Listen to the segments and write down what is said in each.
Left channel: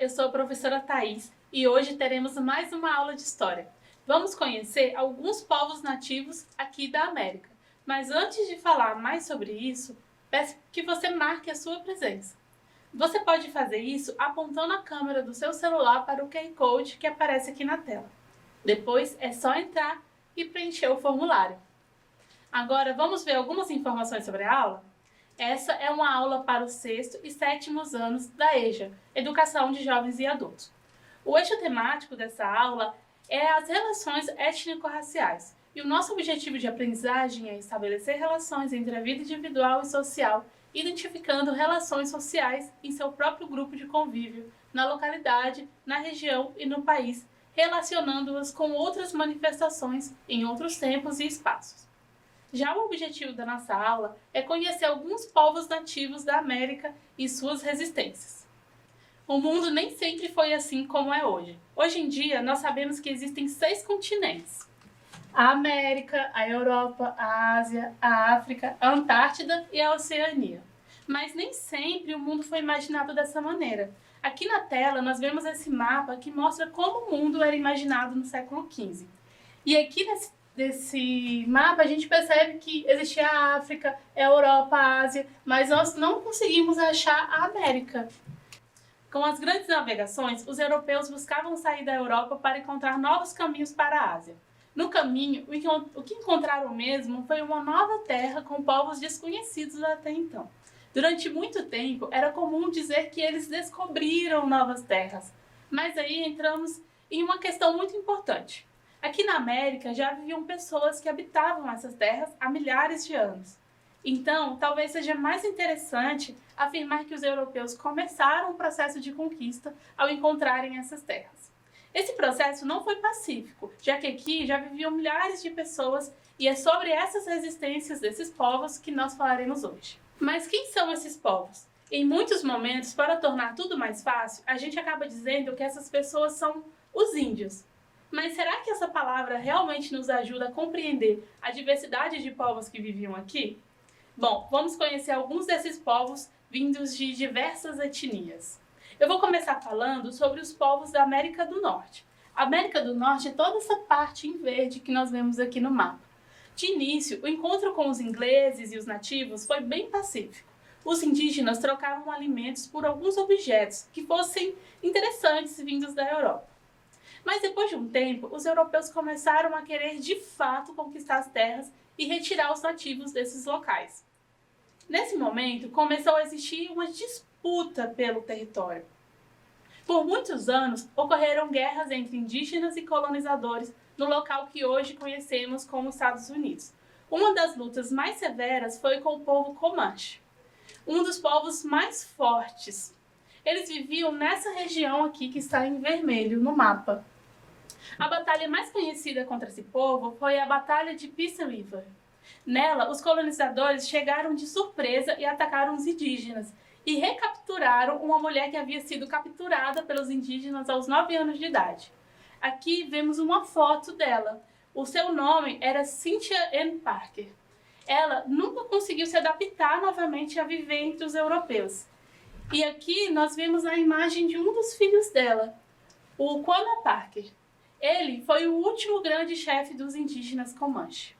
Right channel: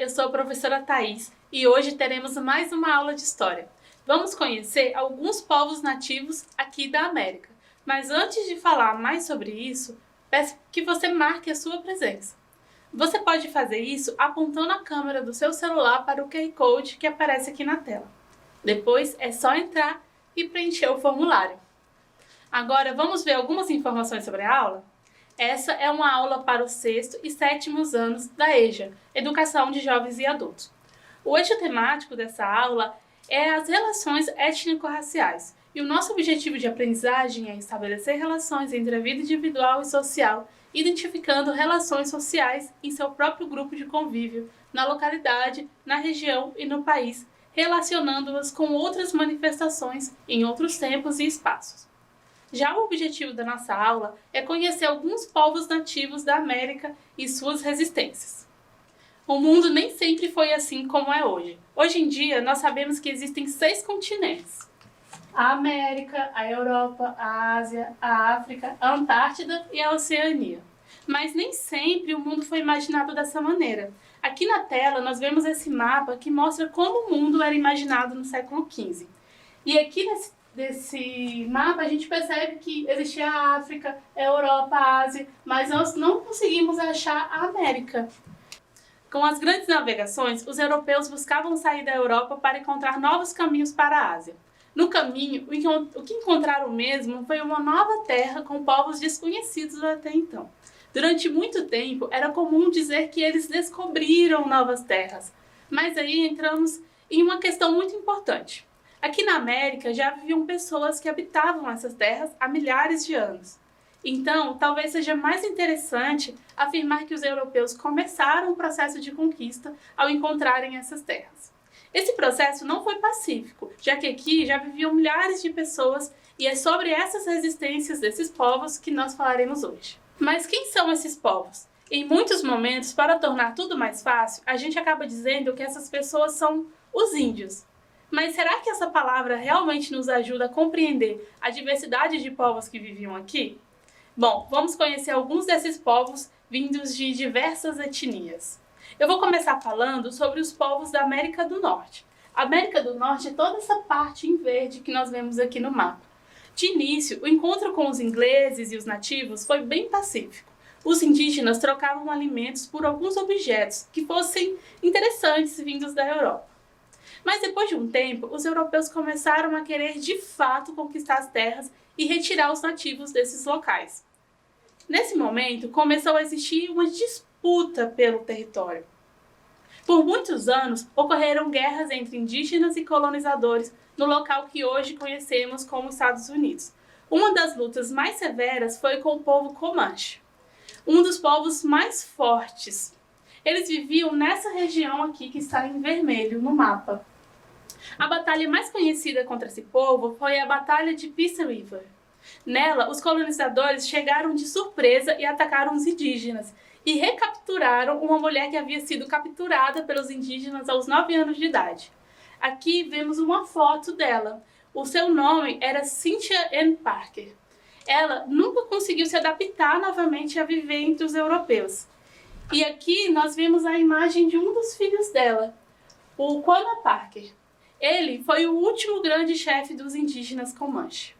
eu sou a professora Thaís e hoje teremos mais uma aula de História. Vamos conhecer alguns povos nativos aqui da América. Mas antes de falar mais sobre isso, peço que você marque a sua presença. Você pode fazer isso apontando a câmera do seu celular para o QR Code que aparece aqui na tela. Depois é só entrar e preencher o formulário. Agora vamos ver algumas informações sobre a aula? Essa é uma aula para os 6º e 7º anos da EJA, Educação de Jovens e Adultos. O eixo temático dessa aula é as relações étnico-raciais, e o nosso objetivo de aprendizagem é estabelecer relações entre a vida individual e social, identificando relações sociais em seu próprio grupo de convívio, na localidade, na região e no país, relacionando-as com outras manifestações em outros tempos e espaços. Já o objetivo da nossa aula é conhecer alguns povos nativos da América e suas resistências. O mundo nem sempre foi assim como é hoje. Hoje em dia, nós sabemos que existem 6 continentes: a América, a Europa, a Ásia, a África, a Antártida e a Oceania. Mas nem sempre o mundo foi imaginado dessa maneira. Aqui na tela nós vemos esse mapa que mostra como o mundo era imaginado no século XV. E aqui desse mapa a gente percebe que existia a África, a Europa, a Ásia, mas nós não conseguimos achar a América. Com as grandes navegações, os europeus buscavam sair da Europa para encontrar novos caminhos para a Ásia. No caminho, o que encontraram mesmo foi uma nova terra com povos desconhecidos até então. Durante muito tempo, era comum dizer que eles descobriram novas terras. Mas aí entramos em uma questão muito importante. Aqui na América já viviam pessoas que habitavam essas terras há milhares de anos. Então, talvez seja mais interessante afirmar que os europeus começaram o processo de conquista ao encontrarem essas terras. Esse processo não foi pacífico, já que aqui já viviam milhares de pessoas e é sobre essas resistências desses povos que nós falaremos hoje. Mas quem são esses povos? Em muitos momentos, para tornar tudo mais fácil, a gente acaba dizendo que essas pessoas são os índios. Mas será que essa palavra realmente nos ajuda a compreender a diversidade de povos que viviam aqui? Bom, vamos conhecer alguns desses povos vindos de diversas etnias. Eu vou começar falando sobre os povos da América do Norte. A América do Norte é toda essa parte em verde que nós vemos aqui no mapa. De início, o encontro com os ingleses e os nativos foi bem pacífico. Os indígenas trocavam alimentos por alguns objetos que fossem interessantes vindos da Europa. Mas depois de um tempo, os europeus começaram a querer de fato conquistar as terras e retirar os nativos desses locais. Nesse momento, começou a existir uma disputa pelo território. Por muitos anos, ocorreram guerras entre indígenas e colonizadores no local que hoje conhecemos como Estados Unidos. Uma das lutas mais severas foi com o povo Comanche, um dos povos mais fortes. Eles viviam nessa região aqui que está em vermelho no mapa. A batalha mais conhecida contra esse povo foi a Batalha de Peace River. Nela, os colonizadores chegaram de surpresa e atacaram os indígenas e recapturaram uma mulher que havia sido capturada pelos indígenas aos 9 anos de idade. Aqui vemos uma foto dela. O seu nome era Cynthia Ann Parker. Ela nunca conseguiu se adaptar novamente a viver entre os europeus. E aqui nós vemos a imagem de um dos filhos dela, o Quanah Parker. Ele foi o último grande chefe dos indígenas Comanche.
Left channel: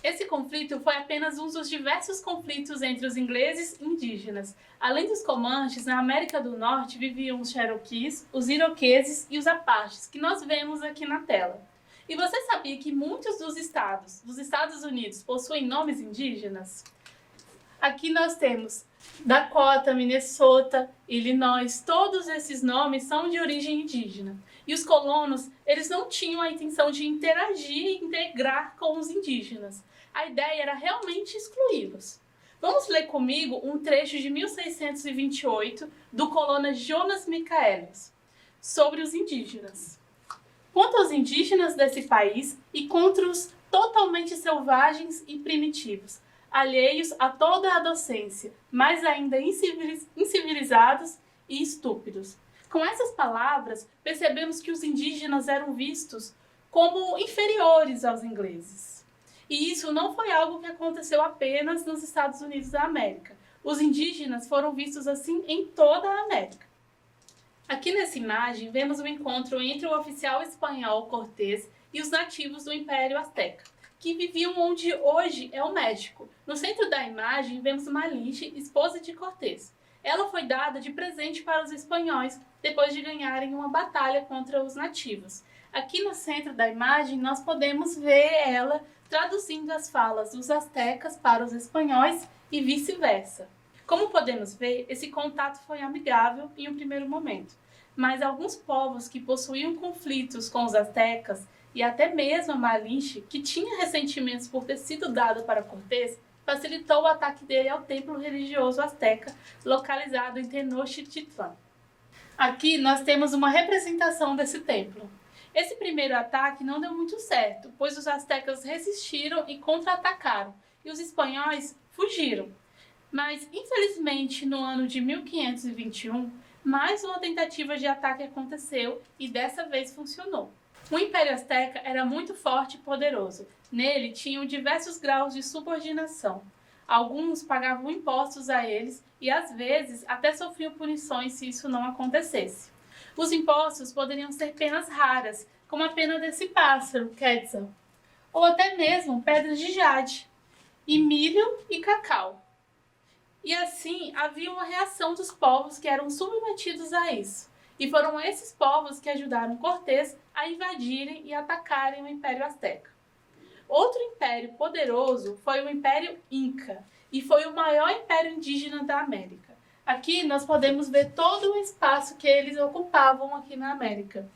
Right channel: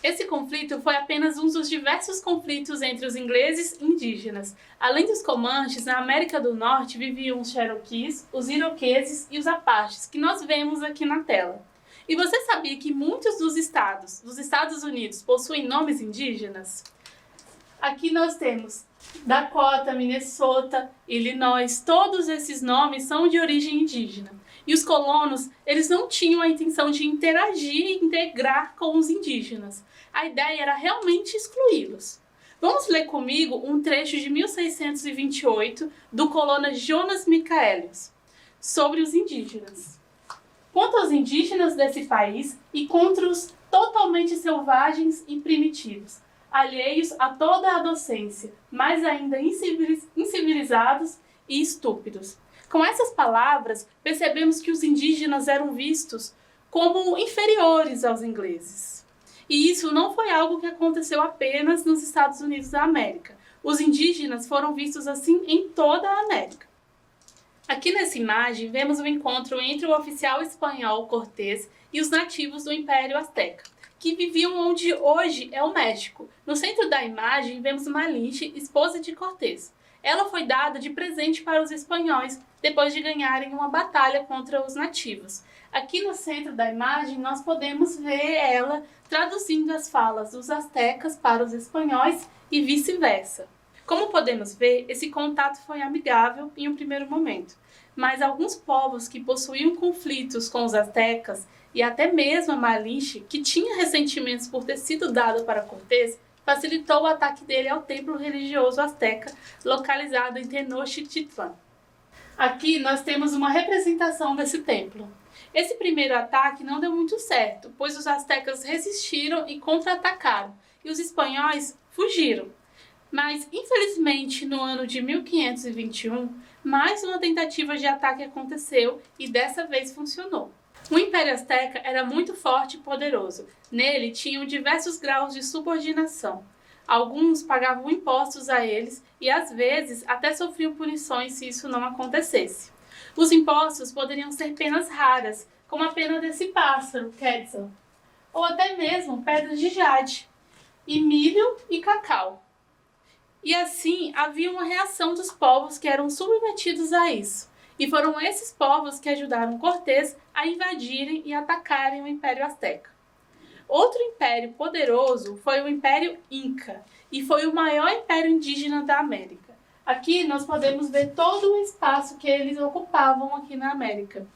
Esse conflito foi apenas um dos diversos conflitos entre os ingleses e indígenas. Além dos Comanches, na América do Norte viviam os Cherokees, os Iroqueses e os Apaches, que nós vemos aqui na tela. E você sabia que muitos dos estados dos Estados Unidos possuem nomes indígenas? Aqui nós temos Dakota, Minnesota, Illinois, todos esses nomes são de origem indígena. E os colonos, eles não tinham a intenção de interagir e integrar com os indígenas. A ideia era realmente excluí-los. Vamos ler comigo um trecho de 1628 do colono Jonas Michaelius, sobre os indígenas. Contra os indígenas desse país e contra os totalmente selvagens e primitivos, alheios a toda a docência, mas ainda incivilizados e estúpidos. Com essas palavras, percebemos que os indígenas eram vistos como inferiores aos ingleses. E isso não foi algo que aconteceu apenas nos Estados Unidos da América. Os indígenas foram vistos assim em toda a América. Aqui nessa imagem vemos o encontro entre o oficial espanhol Cortés e os nativos do Império Azteca, que viviam onde hoje é o México. No centro da imagem vemos Malinche, esposa de Cortés. Ela foi dada de presente para os espanhóis depois de ganharem uma batalha contra os nativos. Aqui no centro da imagem nós podemos ver ela traduzindo as falas dos astecas para os espanhóis e vice-versa. Como podemos ver, esse contato foi amigável em um primeiro momento, mas alguns povos que possuíam conflitos com os astecas e até mesmo a Malinche, que tinha ressentimentos por ter sido dado para Cortés, facilitou o ataque dele ao templo religioso asteca localizado em Tenochtitlan. Aqui nós temos uma representação desse templo. Esse primeiro ataque não deu muito certo, pois os astecas resistiram e contra-atacaram, e os espanhóis fugiram. Mas, infelizmente, no ano de 1521, mais uma tentativa de ataque aconteceu e dessa vez funcionou. O Império Azteca era muito forte e poderoso. Nele tinham diversos graus de subordinação. Alguns pagavam impostos a eles e, às vezes, até sofriam punições se isso não acontecesse. Os impostos poderiam ser penas raras, como a pena desse pássaro, Quetzal, ou até mesmo pedras de jade, e milho e cacau. E assim havia uma reação dos povos que eram submetidos a isso. E foram esses povos que ajudaram Cortés a invadirem e atacarem o Império Azteca. Outro império poderoso foi o Império Inca, e foi o maior império indígena da América. Aqui nós podemos ver todo o espaço que eles ocupavam aqui na América.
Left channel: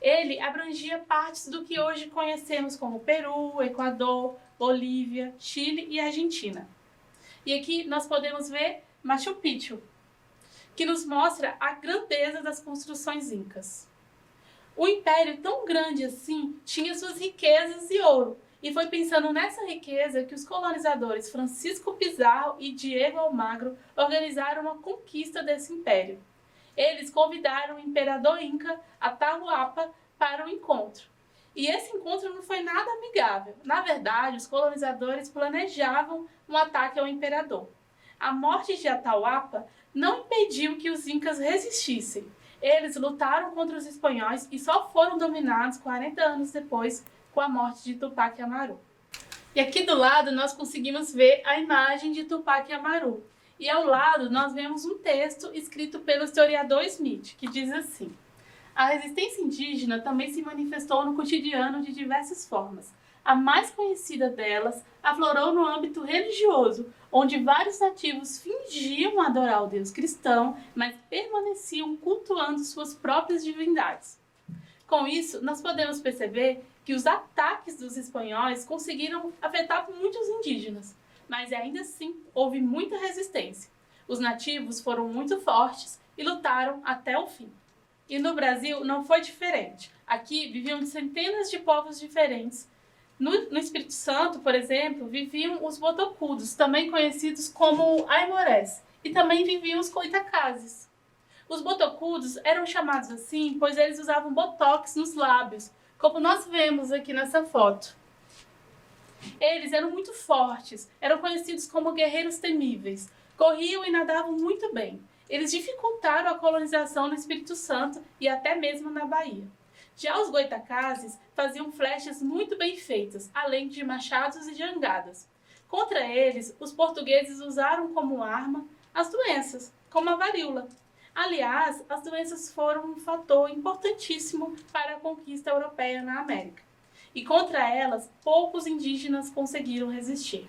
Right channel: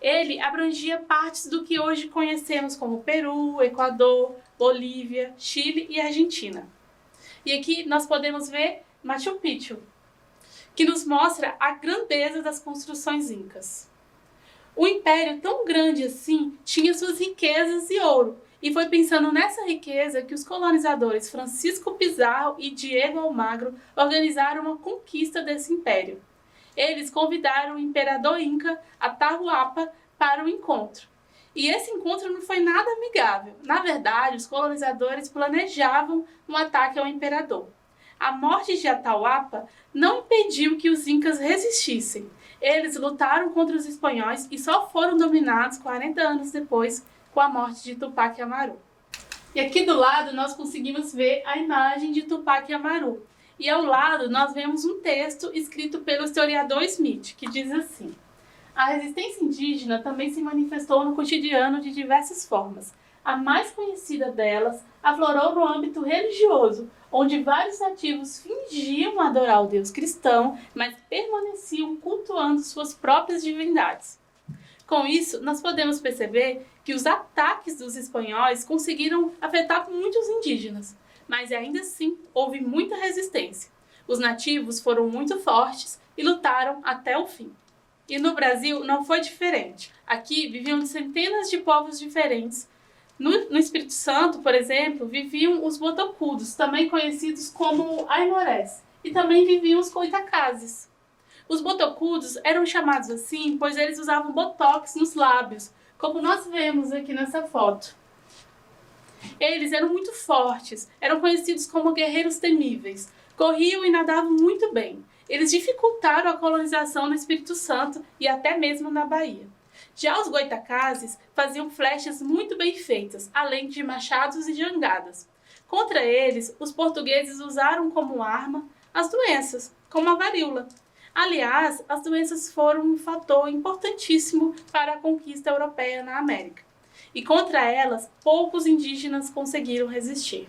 Ele abrangia partes do que hoje conhecemos como Peru, Equador, Bolívia, Chile e Argentina. E aqui nós podemos ver Machu Picchu, que nos mostra a grandeza das construções incas. O império tão grande assim tinha suas riquezas e ouro, e foi pensando nessa riqueza que os colonizadores Francisco Pizarro e Diego Almagro organizaram uma conquista desse império. Eles convidaram o imperador Inca, Atahualpa, para o encontro. E esse encontro não foi nada amigável. Na verdade, os colonizadores planejavam um ataque ao imperador. A morte de Atahualpa não impediu que os incas resistissem. Eles lutaram contra os espanhóis e só foram dominados 40 anos depois, com a morte de Tupac Amaru. E aqui do lado nós conseguimos ver a imagem de Tupac Amaru. E ao lado nós vemos um texto escrito pelo historiador Smith, que diz assim: a resistência indígena também se manifestou no cotidiano de diversas formas. A mais conhecida delas aflorou no âmbito religioso, onde vários nativos fingiam adorar o Deus cristão, mas permaneciam cultuando suas próprias divindades. Com isso, nós podemos perceber que os ataques dos espanhóis conseguiram afetar muitos indígenas, mas ainda assim houve muita resistência. Os nativos foram muito fortes e lutaram até o fim. E no Brasil não foi diferente. Aqui viviam centenas de povos diferentes. No Espírito Santo, por exemplo, viviam os botocudos, também conhecidos como aimorés, e também viviam os coitacazes. Os botocudos eram chamados assim pois eles usavam botox nos lábios, como nós vemos aqui nessa foto. Eles eram muito fortes, eram conhecidos como guerreiros temíveis, corriam e nadavam muito bem. Eles dificultaram a colonização no Espírito Santo e até mesmo na Bahia. Já os goitacazes faziam flechas muito bem feitas, além de machados e jangadas. Contra eles, os portugueses usaram como arma as doenças, como a varíola. Aliás, as doenças foram um fator importantíssimo para a conquista europeia na América. E contra elas, poucos indígenas conseguiram resistir.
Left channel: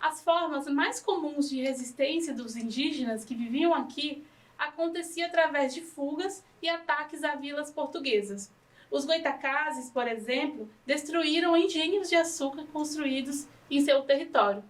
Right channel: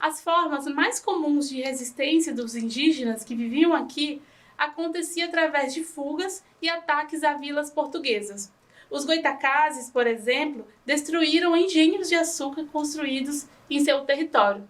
As formas mais comuns de resistência dos indígenas que viviam aqui acontecia através de fugas e ataques a vilas portuguesas. Os goitacazes, por exemplo, destruíram engenhos de açúcar construídos em seu território.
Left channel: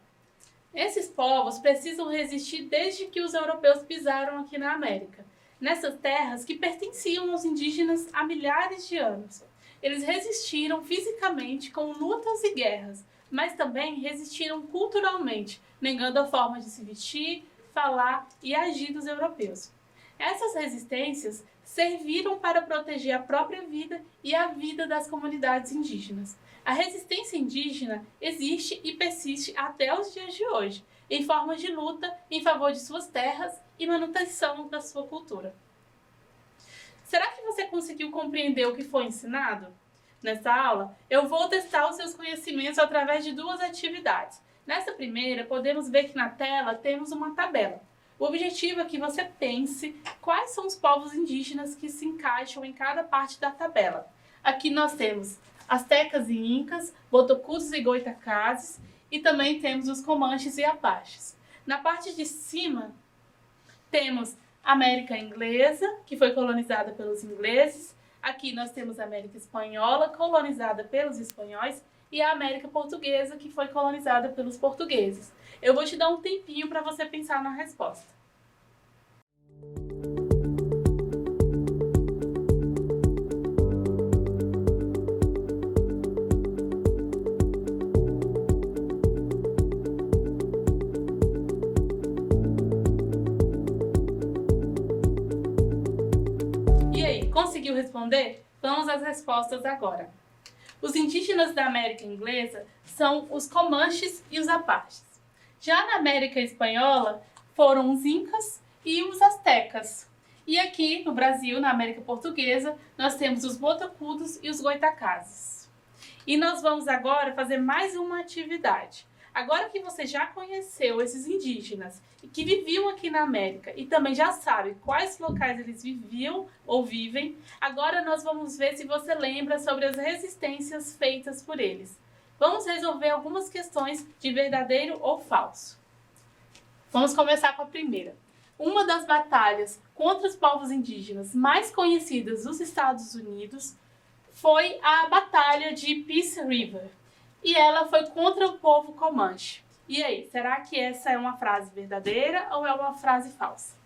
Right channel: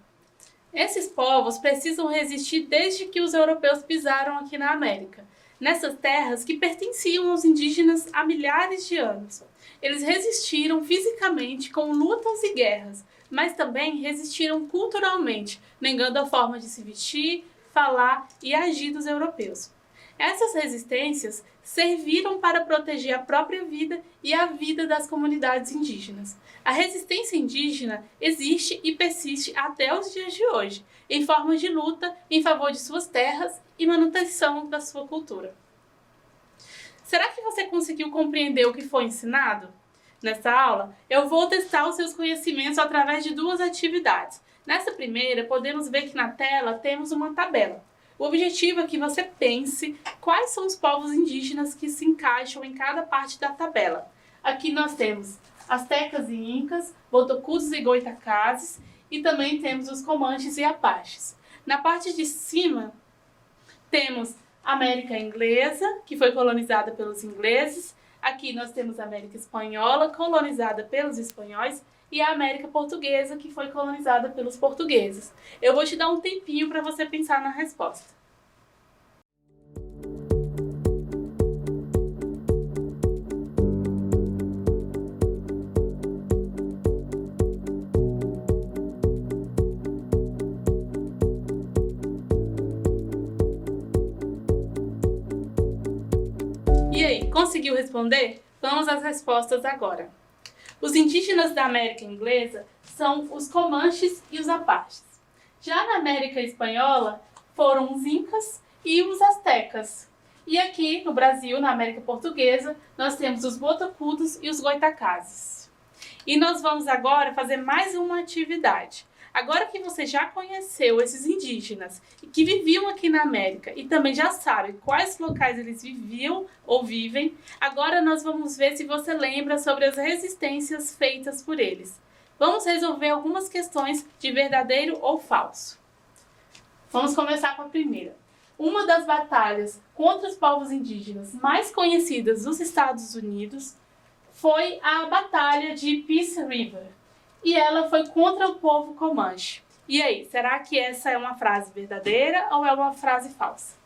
Esses povos precisam resistir desde que os europeus pisaram aqui na América, nessas terras que pertenciam aos indígenas há milhares de anos. Eles resistiram fisicamente com lutas e guerras, mas também resistiram culturalmente, negando a forma de se vestir, falar e agir dos europeus. Essas resistências serviram para proteger a própria vida e a vida das comunidades indígenas. A resistência indígena existe e persiste até os dias de hoje, em forma de luta em favor de suas terras e manutenção da sua cultura. Será que você conseguiu compreender o que foi ensinado? Nessa aula, eu vou testar os seus conhecimentos através de duas atividades. Nessa primeira, podemos ver que na tela temos uma tabela. O objetivo é que você pense quais são os povos indígenas que se encaixam em cada parte da tabela. Aqui nós temos astecas e incas, botocudos e goitacazes, e também temos os comanches e apaches. Na parte de cima, temos a América Inglesa, que foi colonizada pelos ingleses. Aqui nós temos a América Espanhola, colonizada pelos espanhóis, e a América Portuguesa, que foi colonizada pelos portugueses. Eu vou te dar um tempinho para você pensar na resposta. E aí, conseguiu responder? Vamos às respostas agora. Os indígenas da América Inglesa são os comanches e os apaches. Já na América Espanhola foram os incas e os astecas. E aqui no Brasil, na América Portuguesa, nós temos os botocudos e os goitacazes. E nós vamos agora fazer mais uma atividade. Agora que você já conheceu esses indígenas que viviam aqui na América e também já sabe quais locais eles viviam ou vivem, agora nós vamos ver se você lembra sobre as resistências feitas por eles. Vamos resolver algumas questões de verdadeiro ou falso. Vamos começar com a primeira. Uma das batalhas contra os povos indígenas mais conhecidas dos Estados Unidos foi a Batalha de Peace River. E ela foi contra o povo Comanche. E aí, será que essa é uma frase verdadeira ou é uma frase falsa?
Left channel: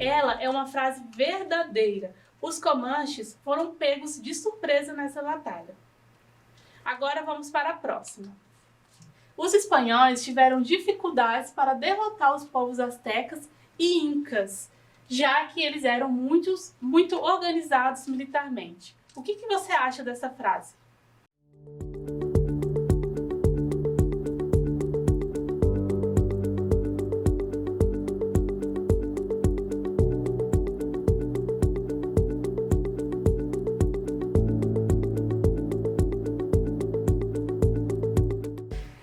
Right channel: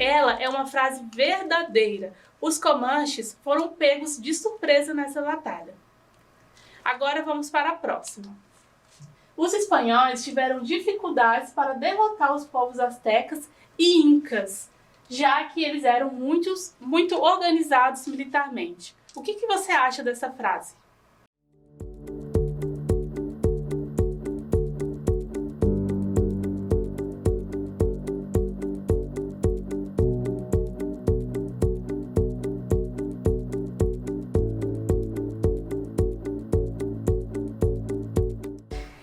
Ela é uma frase verdadeira. Os Comanches foram pegos de surpresa nessa batalha. Agora vamos para a próxima. Os espanhóis tiveram dificuldades para derrotar os povos astecas e incas, já que eles eram muito organizados militarmente. O que você acha dessa frase?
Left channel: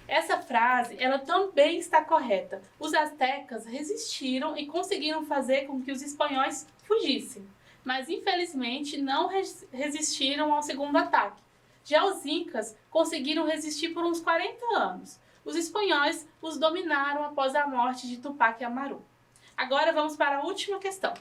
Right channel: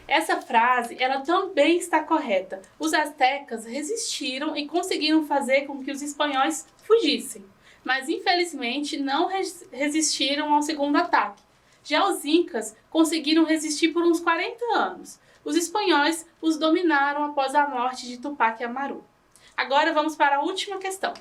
Essa frase, ela também está correta. Os astecas resistiram e conseguiram fazer com que os espanhóis fugissem, mas infelizmente não resistiram ao segundo ataque. Já os incas conseguiram resistir por uns 40 anos. Os espanhóis os dominaram após a morte de Tupac Amaru. Agora vamos para a última questão.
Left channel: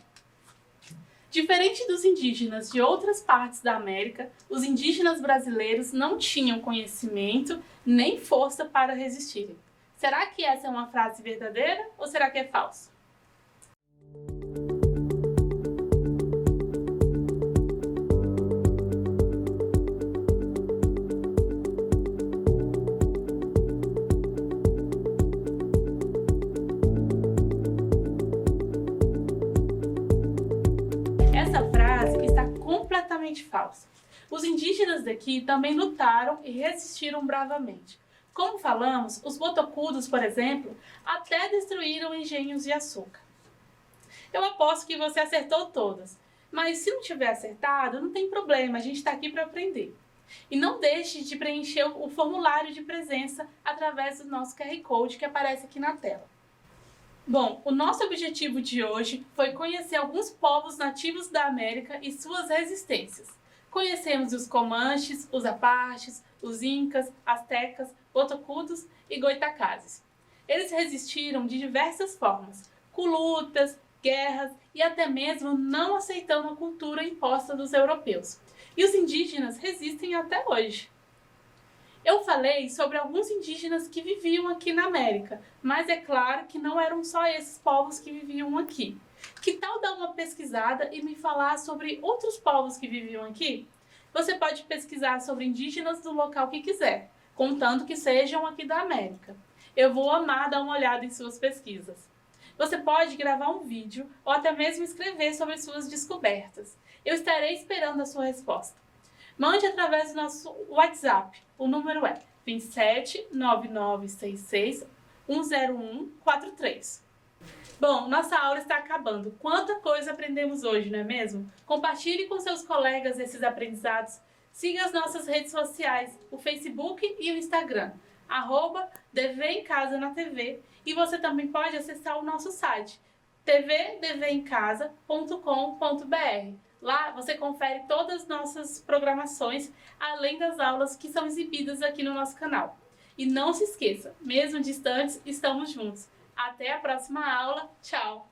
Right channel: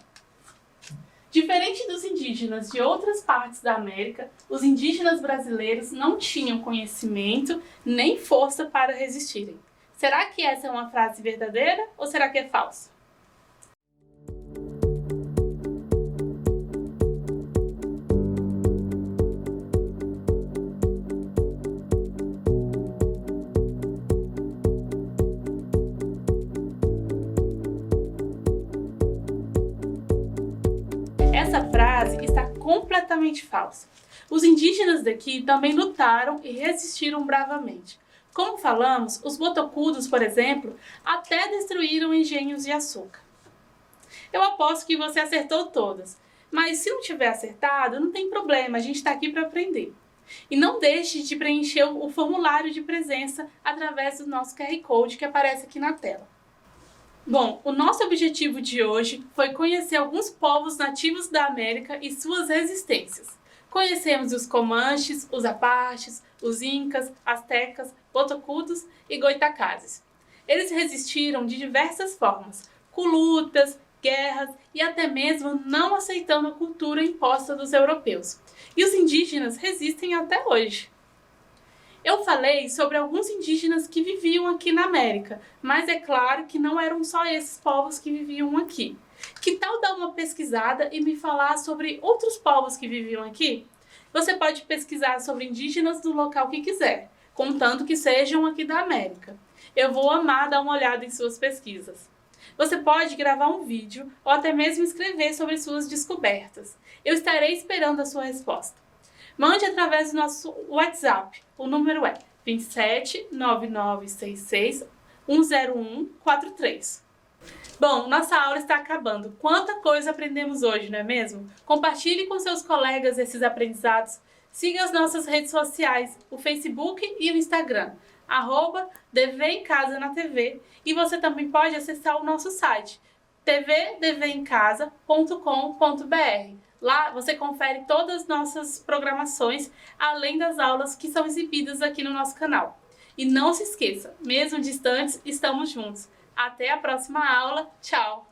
Diferente dos indígenas de outras partes da América, os indígenas brasileiros não tinham conhecimento nem força para resistirem. Será que essa é uma frase verdadeira ou será que é falsa? Essa frase está completamente falsa. Os indígenas daqui também lutaram e resistiram bravamente. Como falamos, os botocudos, por exemplo, até destruíram engenhos de açúcar. Eu aposto que você acertou todas, mas se não tiver acertado, não tem problema, a gente está aqui para aprender. E não deixe de preencher o formulário de presença através do nosso QR Code que aparece aqui na tela. Bom, o nosso objetivo de hoje foi conhecer alguns povos nativos da América e suas resistências. Conhecemos os Comanches, os Apaches, os Incas, Astecas, Botocudos e Goitacazes. Eles resistiram de diversas formas, com lutas, guerras e até mesmo não aceitando a cultura imposta dos europeus. E os indígenas resistem até hoje. Eu falei sobre alguns indígenas que viviam aqui na América, mas é claro que não eram só esses povos que viviam aqui. Que tal dar uma pesquisada e me falar sobre outros povos que viviam aqui? Você pode pesquisar sobre indígenas do local que quiser, contanto que sejam aqui da América. Eu vou amar dar uma olhada em suas pesquisas. Você pode gravar um vídeo ou até mesmo escrever sobre suas descobertas. Eu estarei esperando a sua resposta. Mande através do nosso WhatsApp. O número é 27 9966 10143. Bom, nossa aula está acabando. Quanta coisa aprendemos hoje, não é mesmo? Compartilhe com seus colegas esses aprendizados. Siga as nossas redes sociais, o Facebook e o Instagram, @DV em Casa na TV. E você também pode acessar o nosso site, tvdvemcasa.com.br. Lá você confere todas as nossas programações, além das aulas que são exibidas aqui no nosso canal. E não se esqueça, mesmo distantes, estamos juntos. Até a próxima aula. Tchau!